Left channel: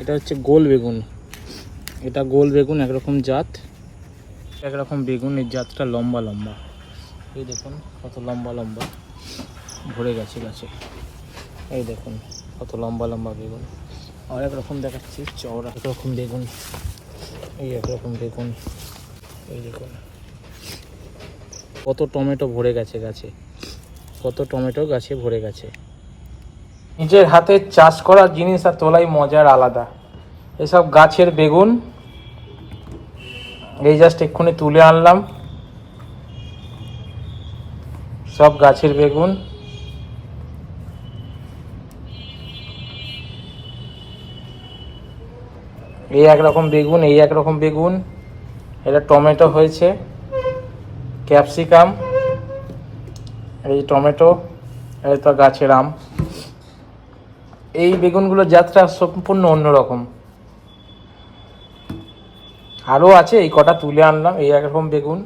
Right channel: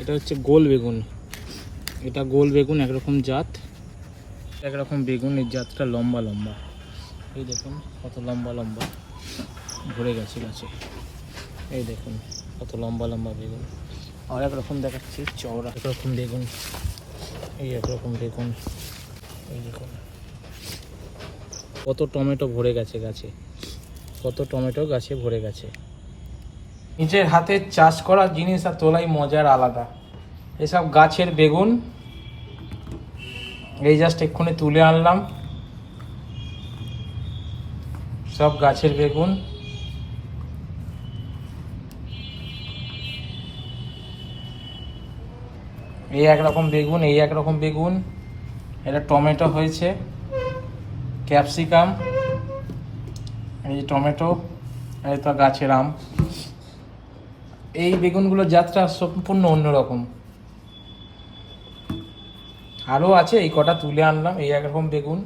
এটা হচ্ছে গোল বেগুন। এটা গোল বেগুন, একরকম জাত, একরকম বেগুন। এই জাতটা লম্বা লম্বা, এই দেখুন কত লম্বা লম্বা ভরে গেছে গাছে। এই দেখুন কত লম্বা লম্বা বেগুন। আর একরকম দেখাচ্ছি চওড়া, একরকম বেগুন, এই একরকম বেগুন। এই দেখুন কত টমেটো ভরে গেছে গাছে, কত টমেটো গাছে ভরে গেছে। নিজের হাতে চাষ করা জিনিস আর তোলাই মজার আলাদা। এসব গাছের বেগুন এই জাস্ট এক্ষুনি তুলে আনলাম, সব গাছের বেগুন। এই একরকম বেগুন, এই একরকম বেগুন। এটা টমেটো হয়েছে, ক্যাপসিকাম, এই টমেটো, এই তো গাছের আম। এই বেগুনগুলোর জাতটা সম্পূর্ণ অন্যরকম। আরও আছে, এই কটা তুলে আনলাম। এই একরকম বেগুন।